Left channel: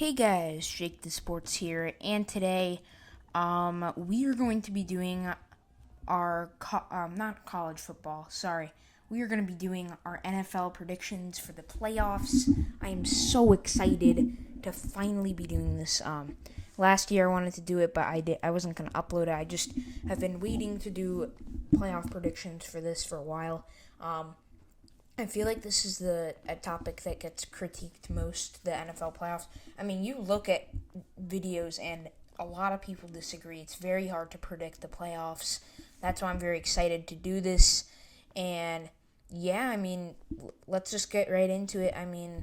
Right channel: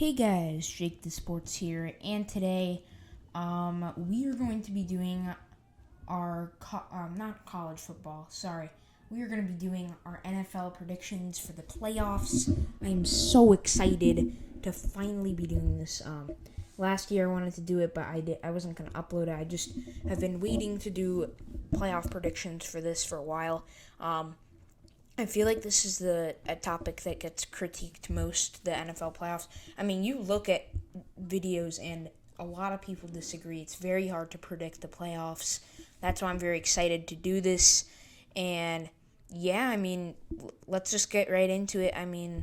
Hey guys, Jake the Sports here, and today, we are going to be doing our not college football. Sorry, we are going to be doing our NFL predictions for the playoffs. I am so excited to finally be doing this. Last year I wanted to do it, but I wasn't going to upload it. I just have been waiting to do playoff predictions for this for a while. I feel like this is a topic that gets critiqued most, the NFL playoffs. I mean, you look at videos and a lot of people disagree. It's very hard to predict the playoffs. That's why I'm very excited to do this. And yeah, I mean, let's just get right into it. I mean,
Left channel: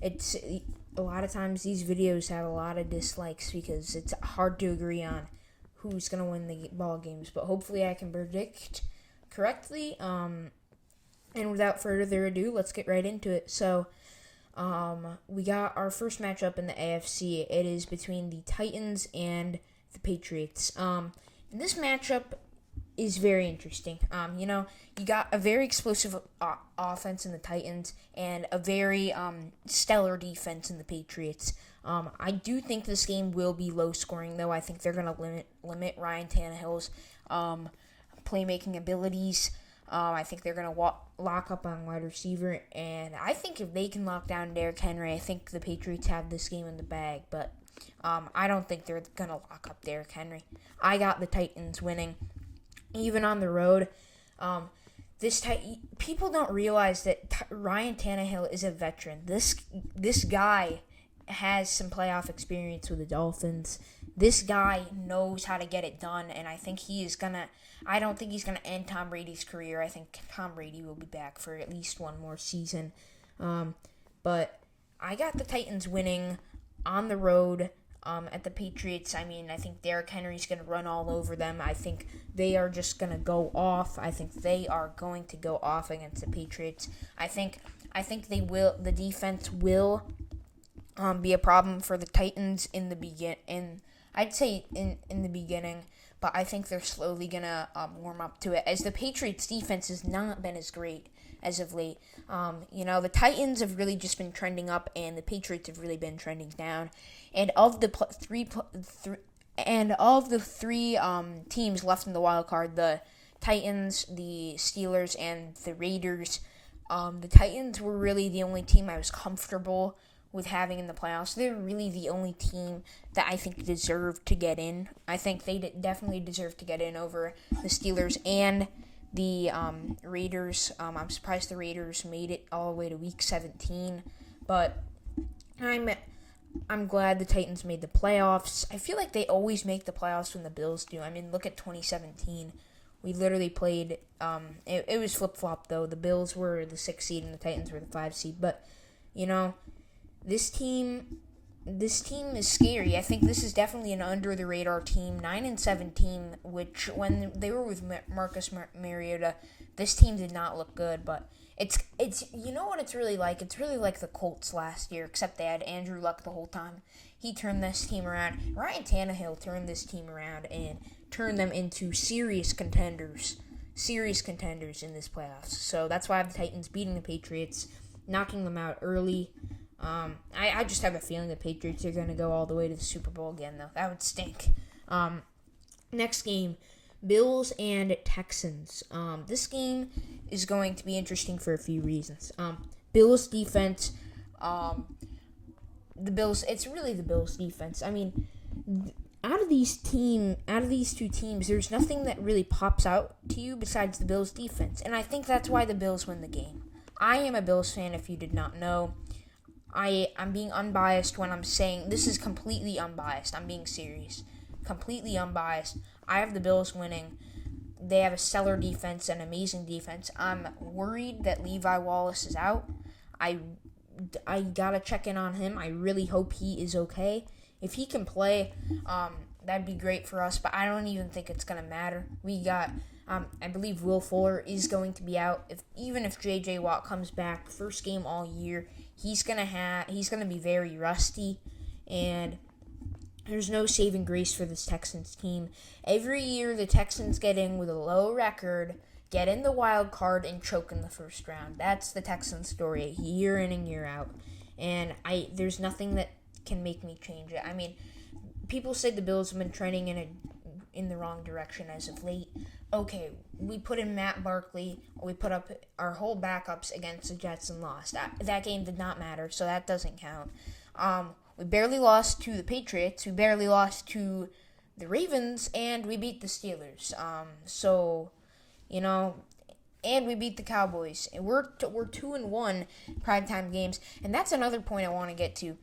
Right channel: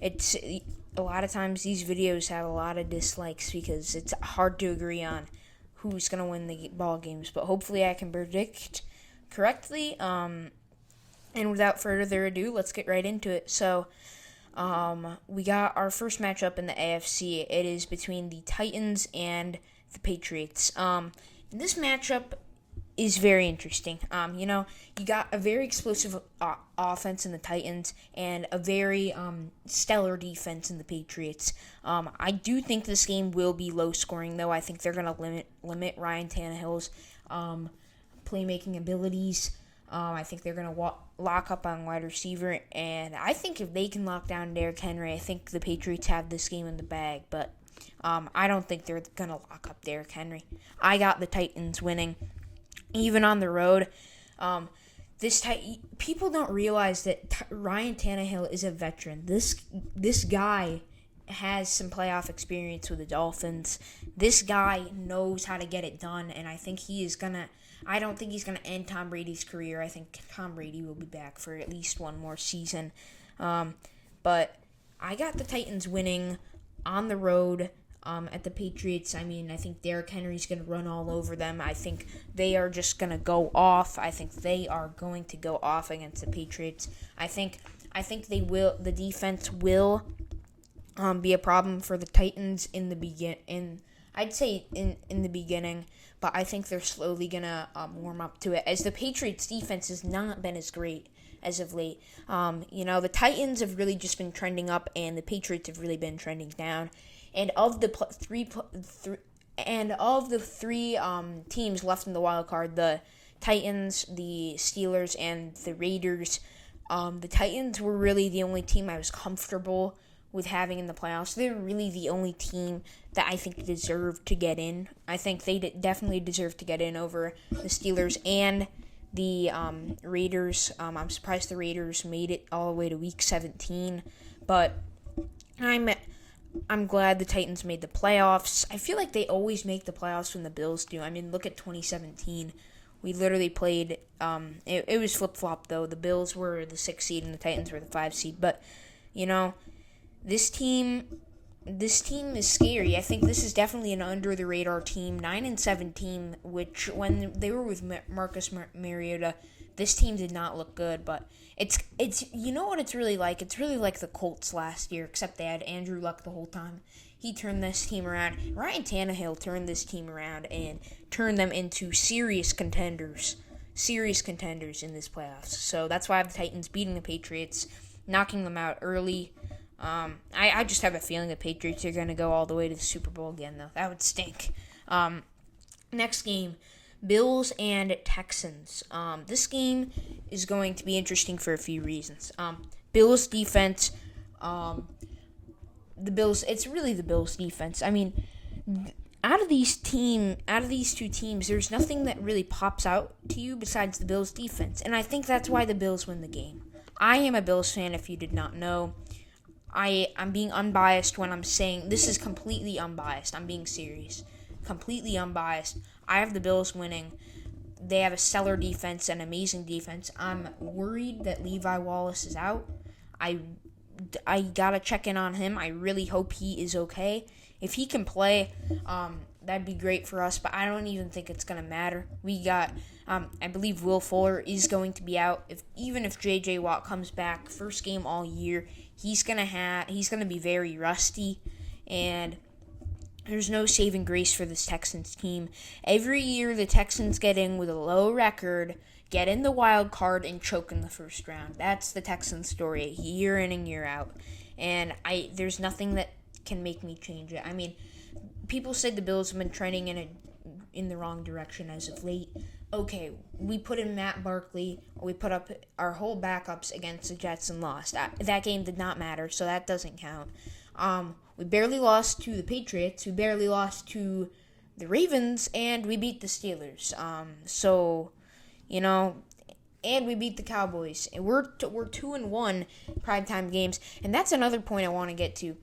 it's a lot of times these videos have a lot of dislikes because it's hard to agree on who's going to win the ball games. But hopefully I can predict correctly. And without further ado, let's get right into it. So, we got our first matchup in the AFC. It is between the Titans and the Patriots. This matchup is very interesting. You got a very explosive offense in the Titans and a very stellar defense in the Patriots. I do think this game will be low scoring, though. I think they're going to limit Ryan Tannehill's playmaking abilities. I think they're going to lock up on wide receiver, and I think if they can lock down Derrick Henry, I think the Patriots have this game in the bag, but I don't think they're going to lock up Derrick Henry. I got the Titans winning, even on the road. People don't realize that Ryan Tannehill is a veteran. This guy has some playoff experience with the Dolphins. This guy knows how to get it done, and I think I don't think he's going to end Tom Brady's career. I think Tom Brady will be back for at least one more season. But I got the Titans winning on the road at the Patriots. I mean, I think Derrick Henry's going to run all over them. I think they are just going to go off. I think they are going to go off against the Patriots. I think they will. The defense will be a problem for the Titans in the beginning, but I think they're slowly going to warm up to it, as the Patriots' defense has not been as great as of late. The Titans have really just been trending up, and the Patriots have really been trending down. And of the three teams left in the wild card, the Titans, the Steelers, and the Raiders, the Titans were really the only team I was comfortable with having in the playoffs. They're really the only team that I think deserved to get in. I think they definitely deserve to get in over the Steelers and the Raiders. I'm surprised the Raiders made it all the way to Week 17, but I'm glad the Titans made the playoffs. I feel like they always make the playoffs when the Bills do. I mean, look at 2017. We literally played. It was flip-flop, though. The Bills were the 6th seed and the Titans were the 5th seed. But, this team is scary. I think this is definitely an under-the-radar team, 9-7 team, which when they were with Marcus Mariota, this team did not look good, but it's what it's really like? It's really like the Colts last year, except they had Andrew Luck the whole time. He turned this team around. Ryan Tannehill turned this team around and turned them into serious contenders in this playoffs. So that's why I have the Titans beating the Patriots, knocking them out early. I just have a feeling the Patriots are going to go all the way to the Super Bowl again, though. That would stink. Next game, Bills and Texans. This game is going to be interesting for a few reasons. Bills defense, it's really the Bills defense. I mean, out of these two teams, there's nothing that really pops out to you besides the Bills defense, and I think that's why the Bills win the game. I am a Bills fan, if you did not know. I'm being unbiased when I'm saying this is completely unbiased. I'm being serious. Completely unbiased. I have the Bills winning. They have a stellar defense, an amazing defense. I'm worried that Levi Wallace is out. I gotta check in on him. I really hope he is okay. If he can play, that'd be great for us, but I don't even think it's gonna matter. We got, I believe Will Fuller is going to be out. Even if J.J. Watt comes back, first game all year, he's gonna be very rusty, and there's no saving grace for this Texans team. Every year the Texans get in with a low record, get in the wild card, and choke in the first round. That's the Texans story, year in and year out. And there's nothing that can make me change it. I mean, people say the Bills have been trending in the wrong direction as of late. Okay, we put in Matt Barkley, or we put up our whole backups against the Jets and lost. That game did not matter, so that doesn't count. We barely lost to the Patriots. We barely lost to the Ravens, and we beat the Steelers. And we beat the Cowboys. And we're 2-1 primetime games, and that's another point I want to get to.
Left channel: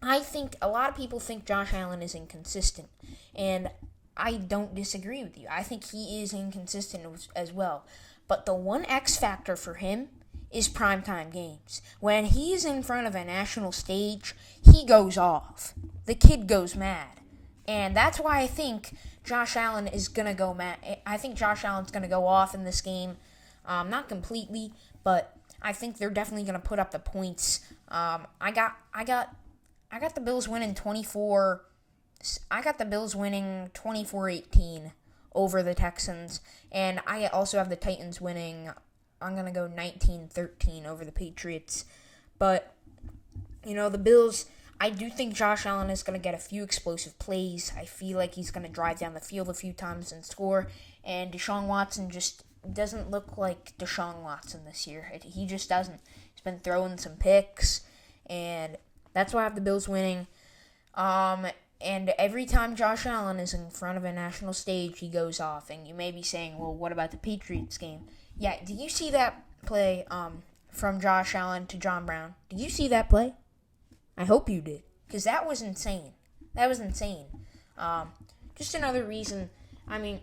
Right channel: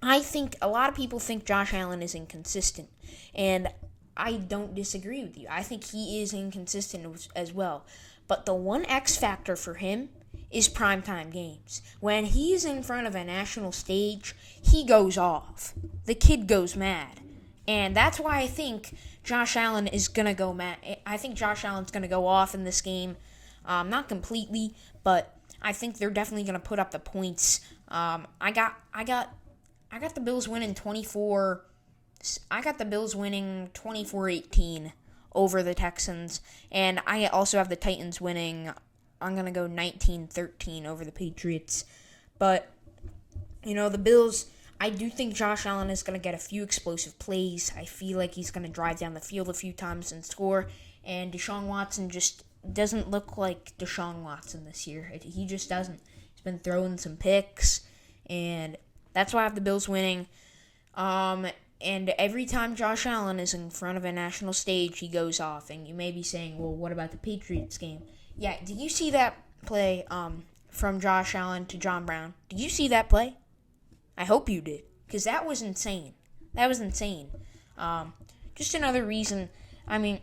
I think a lot of people think Josh Allen is inconsistent, and I don't disagree with you. I think he is inconsistent as well. But the one X factor for him is primetime games. When he is in front of a national stage, he goes off. The kid goes mad. And that's why I think Josh Allen is going to go mad. I think Josh Allen's going to go off in this game. Not completely, but I think they're definitely going to put up the points. I got the Bills winning 24. I got the Bills winning 24-18 over the Texans, and I also have the Titans winning. I'm going to go 19-13 over the Patriots. But, the Bills, I do think Josh Allen is going to get a few explosive plays. I feel like he's going to drive down the field a few times and score, and Deshaun Watson just doesn't look like Deshaun Watson this year. He just doesn't. He's been throwing some picks, and that's why I have the Bills winning. And every time Josh Allen is in front of a national stage, he goes off. And you may be saying, well, what about the Patriots game? Yeah, did you see that play from Josh Allen to John Brown? Did you see that play? I hope you did, because that was insane. Just another reason. I mean,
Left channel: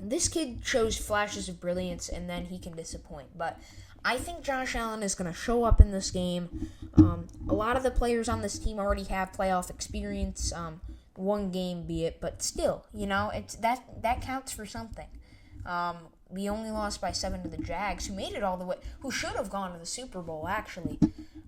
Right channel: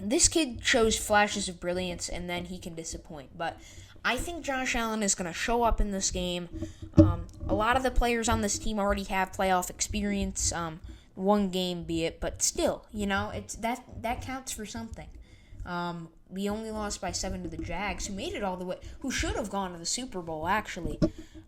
this kid shows flashes of brilliance, and then he can disappoint. But I think Josh Allen is going to show up in this game. A lot of the players on this team already have playoff experience, one game be it, but still, it's that counts for something. We only lost by 7 to the Jags, who made it all the way, who should have gone to the Super Bowl, actually.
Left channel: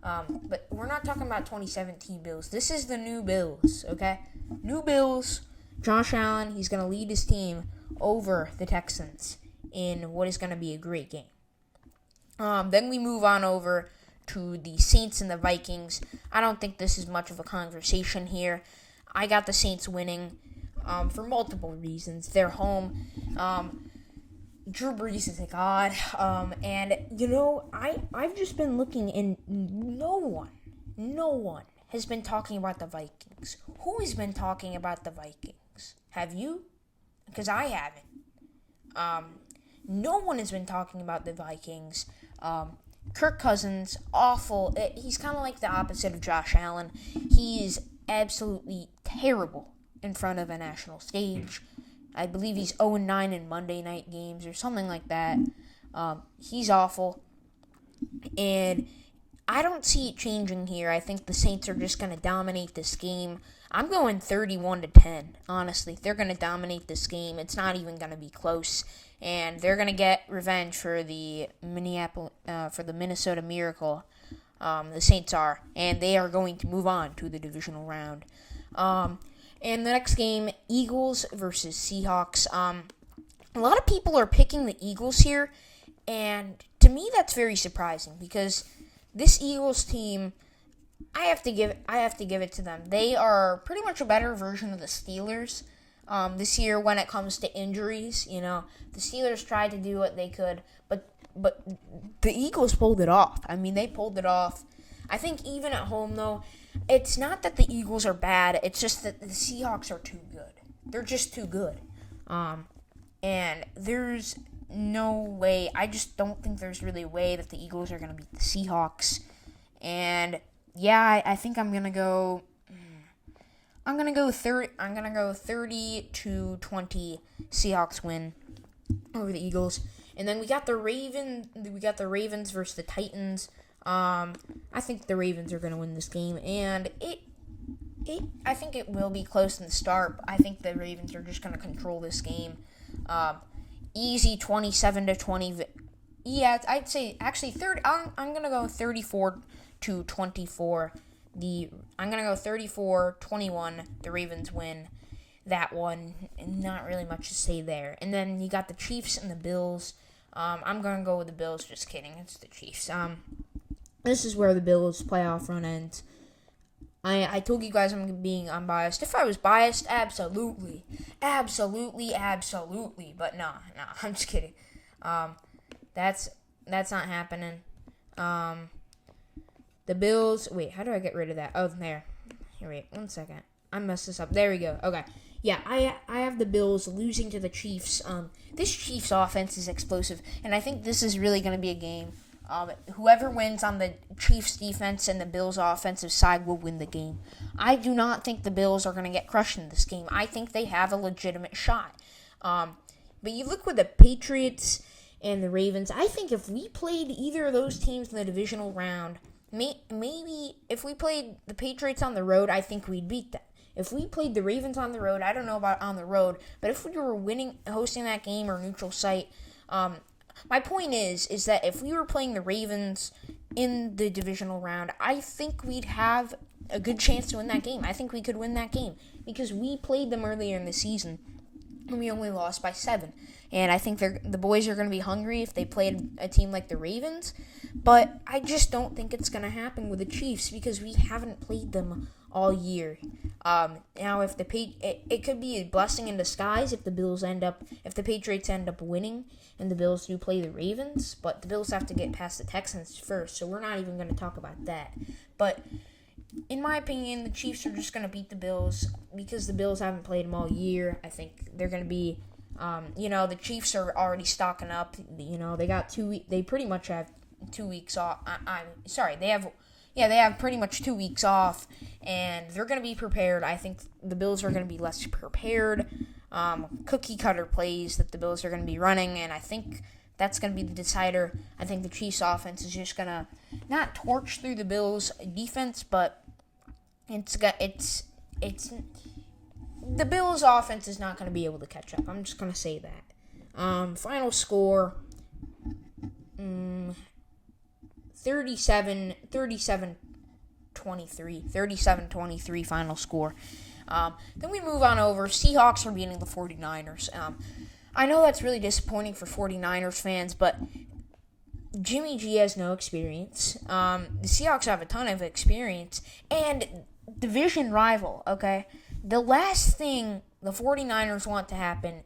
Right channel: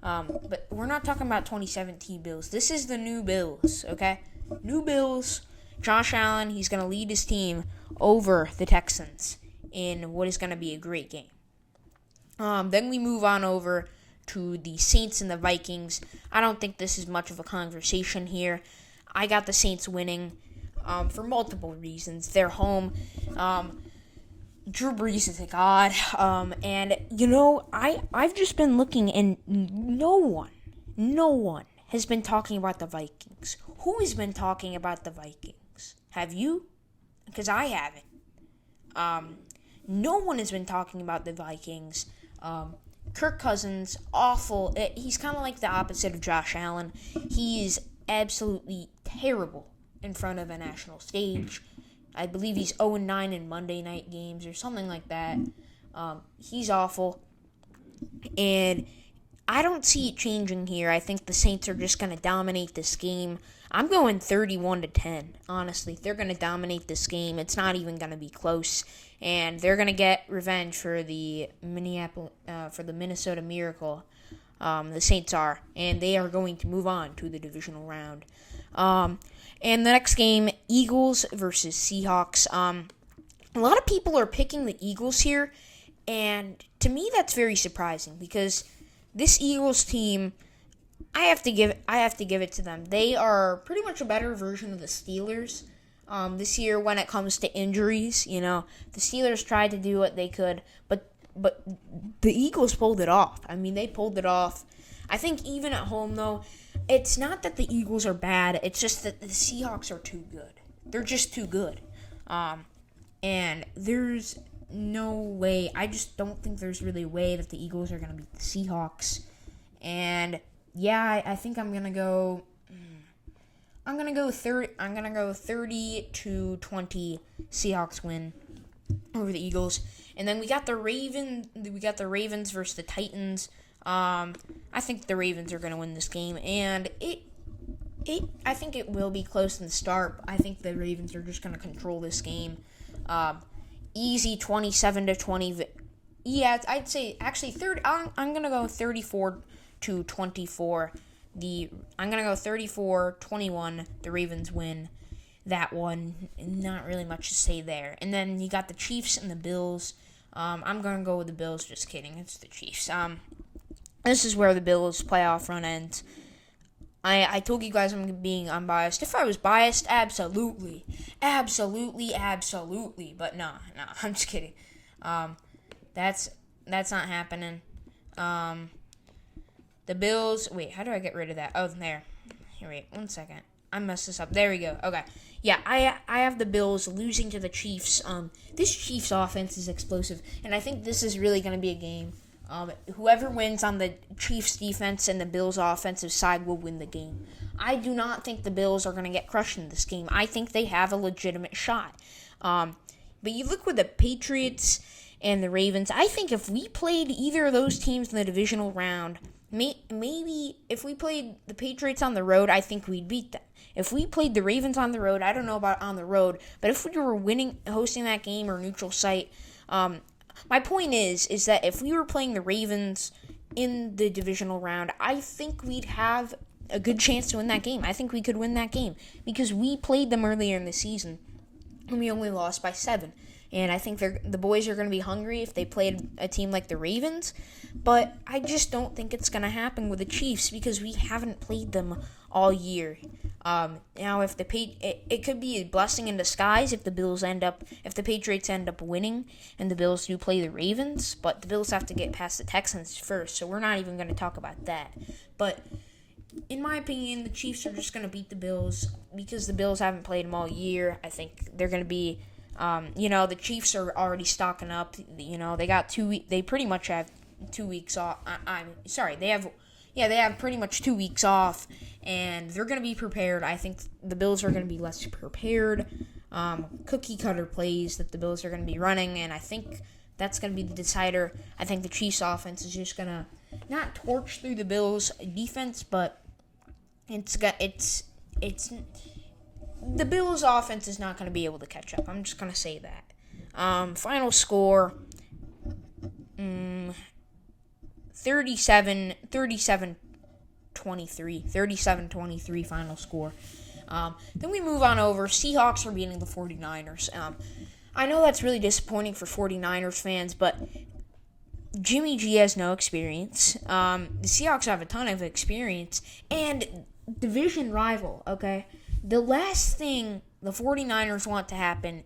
But we're not talking about 2017 Bills. This is the new Bills, okay? New Bills. Josh Allen, he's going to lead his team over the Texans in what is going to be a great game. Then we move on over to the Saints and the Vikings. I don't think this is much of a conversation here. I got the Saints winning for multiple reasons. They're home. Drew Brees is a god. And, I've just been looking, and no one has been talking about the Vikings. Who has been talking about the Vikings? Have you? Because I haven't. No one has been talking about the Vikings. Kirk Cousins, awful. He's kind of like the opposite of Josh Allen. He is absolutely terrible in front of a national stage. I believe he's 0-9 in Monday night games or something like that. He's awful. And I don't see it changing here. I think the Saints are just going to dominate this game. I'm going 31-10, honestly. They're going to dominate this game. It's not even going to be close. And they're going to get revenge for the Minnesota Miracle. The Saints are. And they are going to move on to the divisional round. And the next game, Eagles versus Seahawks. A lot of people are picking the Eagles here. And to me, that's very surprising. Because this Eagles team, I have to give it to them. They are pretty much a better version of the Steelers. This year when it comes to injuries, the Steelers tried to do what they could, but the Eagles pulled it off. I mean, they pulled it off. I think even at home, though, it's not that the Eagles are bad. It's just that the Seahawks are too good. They're just too good. And there's no way. I just don't think there's really a way that the Eagles are going to beat the Seahawks. And yeah, I think I'm gonna go 30-20 Seahawks win over the Eagles. And then we got the Ravens versus the Titans. I think the Ravens are gonna win this game, and I think it will be close in the start. I think the Ravens are just gonna control this game. Easy 27-20. Yeah, I'd say actually I'm gonna go 34-24. I'm going to go 34-21. The Ravens win that one. Not really much to say there. And then you got the Chiefs and the Bills. I'm going to go with the Bills. Just kidding. It's the Chiefs. This is where the Bills' playoff run ends. I told you guys I'm being unbiased. If I was biased, absolutely. But no, I'm just kidding. That's not happening. The Bills. Wait, how do I get rid of that? Oh, there. Here, wait, 1 second. I messed this up. There we go. Okay. Yeah, I have the Bills losing to the Chiefs. This Chiefs offense is explosive, and I think this is really going to be a game. Whoever wins on the Chiefs defense and the Bills offensive side will win the game. I do not think the Bills are going to get crushed in this game. I think they have a legitimate shot. But you look with the Patriots and the Ravens. I think if we played either of those teams in the divisional round, maybe if we played the Patriots on the road, I think we'd beat them. If we played the Ravens on the road, I don't know about on the road, but if we were hosting that game or neutral site, my point is that if we were playing the Ravens in the divisional round, I think we'd have a good chance to win that game. I think we could win that game because we played them earlier in the season and we only lost by 7. And I think the boys are going to be hungry if they played a team like the Ravens. But I just don't think it's going to happen with the Chiefs because we haven't played them all year. Now, if it could be a blessing in disguise if the Patriots end up winning and the Bills do play the Ravens, but the Bills have to get past the Texans first, so we're not even going to talk about that. But in my opinion, the Chiefs are just going to beat the Bills because the Bills haven't played them all year. I think they're going to be, the Chiefs are already stocking up. They got 2 weeks. They pretty much have 2 weeks off. They have pretty much 2 weeks off, and they're going to be prepared. I think the Bills are going to be less prepared. Cookie cutter plays that the Bills are going to be running, and I think that's going to be the decider. I think the Chiefs offense is just going to not torch through the Bills defense, but it's the Bills offense is not going to be able to catch up. I'm just going to say that. Final score 37-23 final score. Then we move on over. Seahawks are beating the 49ers. I know that's really disappointing for 49ers fans, but Jimmy G has no experience. The Seahawks have a ton of experience. And division rival, okay? The last thing the 49ers want to happen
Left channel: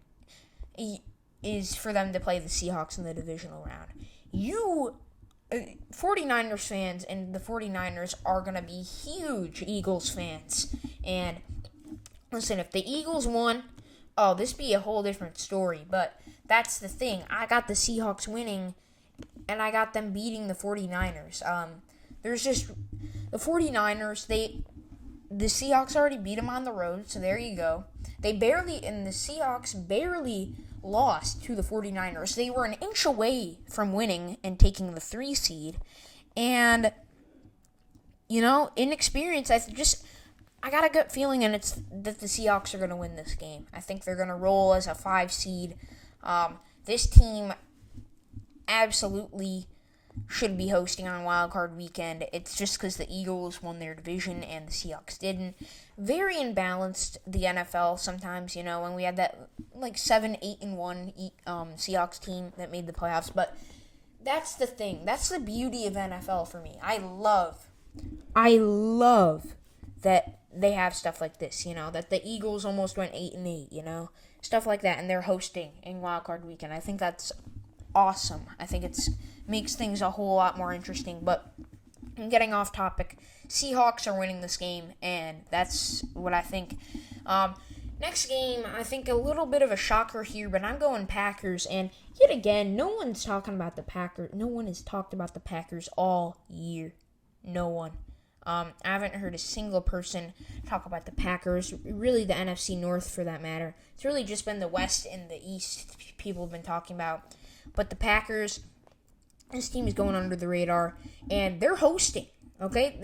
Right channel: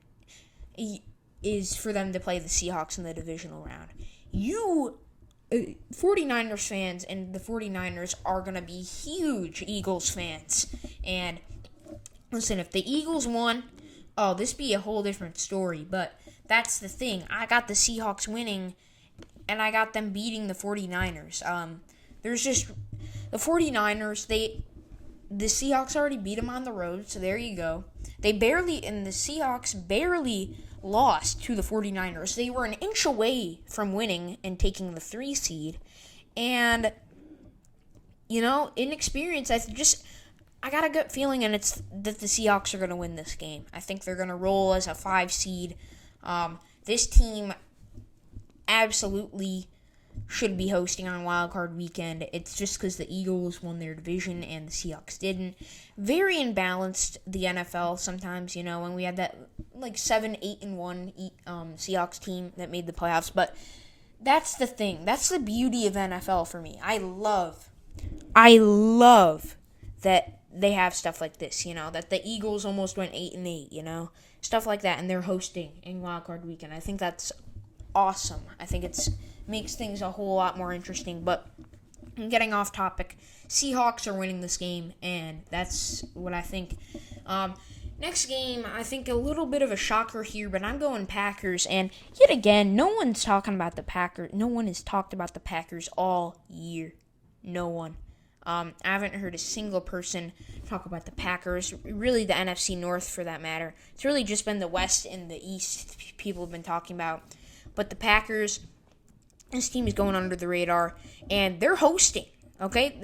is for them to play the Seahawks in the divisional round. 49ers fans and the 49ers are going to be huge Eagles fans. And listen, if the Eagles won, this be a whole different story. But that's the thing. I got the Seahawks winning, and I got them beating the 49ers. There's just the 49ers, the Seahawks already beat them on the road, so there you go. The Seahawks barely lost to the 49ers. They were an inch away from winning and taking the 3 seed. And, in experience, I got a gut feeling, and it's that the Seahawks are going to win this game. I think they're going to roll as a 5 seed. This team absolutely should be hosting on Wild Card Weekend. It's just because the Eagles won their division and the Seahawks didn't. Very imbalanced, the NFL sometimes, when we had that 7-8-1 Seahawks team that made the playoffs. But that's the thing. That's the beauty of NFL for me. I love that they have stuff like this, that the Eagles almost went 8-8, stuff like that, and they're hosting in Wild Card Weekend. I think that's awesome. I think makes things a whole lot more interesting. But I'm getting off topic. Seahawks are winning this game, and that's what I think. Next game, I think a little bit of a shocker here, but I'm going Packers. And yet again, no one's talking about the Packers. No one has talked about the Packers all year. No one. I haven't heard a single person talk about the Packers, really the NFC North for that matter. It's really just been the West and the East people have been talking about. But the Packers, this team is going under the radar, and they're hosting, okay?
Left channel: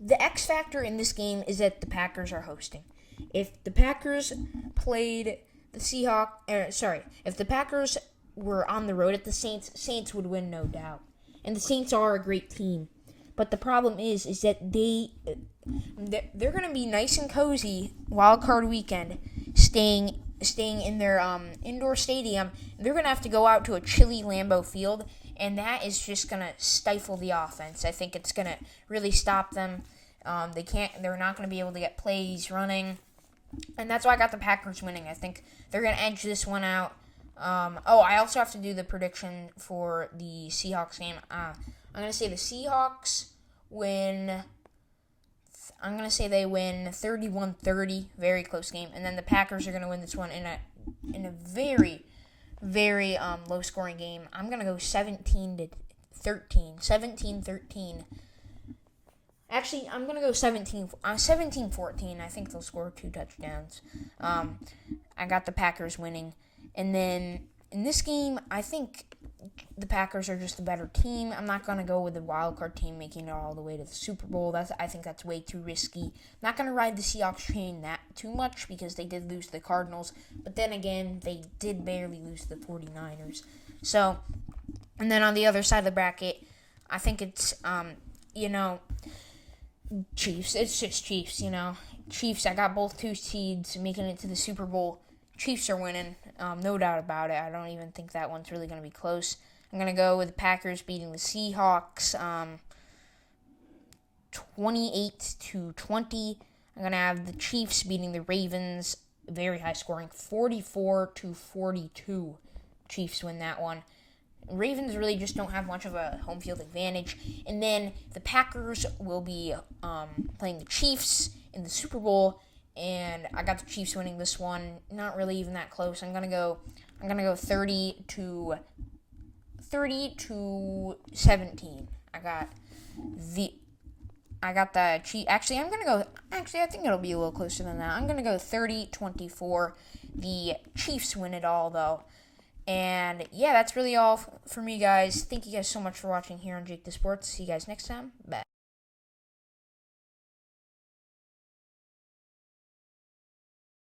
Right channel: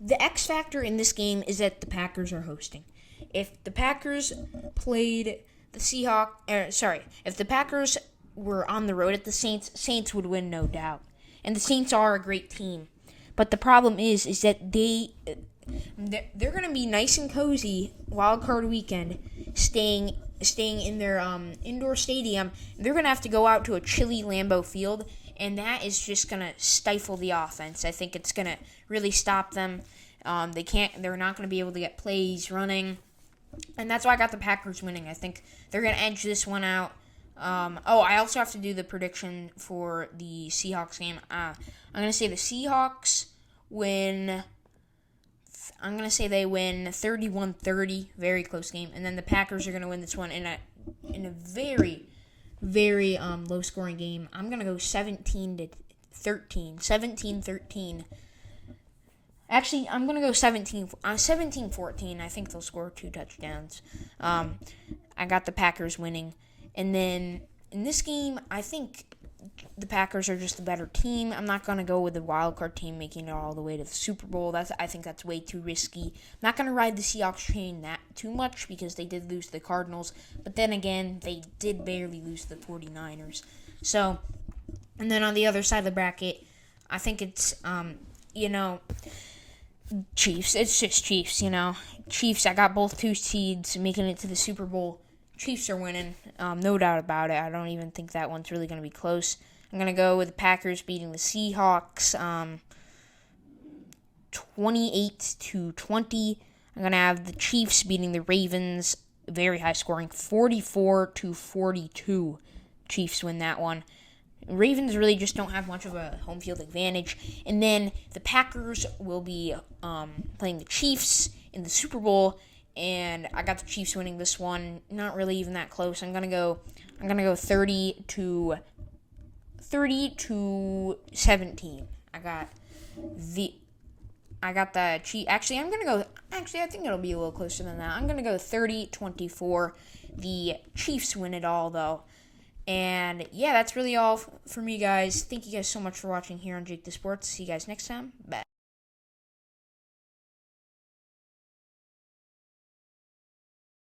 The X factor in this game is that the Packers are hosting. If the Packers played the Seahawks, if the Packers were on the road at the Saints would win, no doubt. And the Saints are a great team. But the problem is that they're going to be nice and cozy Wild Card Weekend, staying in their indoor stadium. They're going to have to go out to a chilly Lambeau Field, and that is just going to stifle the offense. I think it's going to really stop them. They're not going to be able to get plays running. And that's why I got the Packers winning. I think they're going to edge this one out. I also have to do the prediction for the Seahawks game. I'm going to say the Seahawks win. I'm going to say they win 31-30, very close game. And then the Packers are going to win this one in a very, very low-scoring game. I'm going to go 17-13. 17-13. Actually, I'm going to go 17-14. I think they'll score 2 touchdowns. I got the Packers winning. And then in this game, I think the Packers are just a better team. I'm not going to go with the wildcard team making it all the way to the Super Bowl. I think that's way too risky. I'm not going to ride the Seahawks train that too much because they did lose to the Cardinals. But then again, they did barely lose to the 49ers. So, and then on the other side of the bracket, I think it's, Chiefs. It's just Chiefs, Chiefs, I got both 2 seeds making it to the Super Bowl. Chiefs are winning, no doubt about it. I don't even think that one's really going to be close. I'm going to go with the Packers beating the Seahawks 28-20. I'm going to have the Chiefs beating the Ravens, very high scoring, 44-42. Chiefs win that one. Ravens really just don't have much of a home field advantage. And then the Packers will be playing the Chiefs in the Super Bowl, and I got the Chiefs winning this one. Not really even that close. I'm gonna go 30-17. I got the Chiefs. Actually, I think it'll be a little closer than that. I'm gonna go 30-24. The Chiefs win it all, though. And yeah, that's really all for me, guys. Thank you guys so much for watching here on Jake the Sports. See you guys next time. Bye.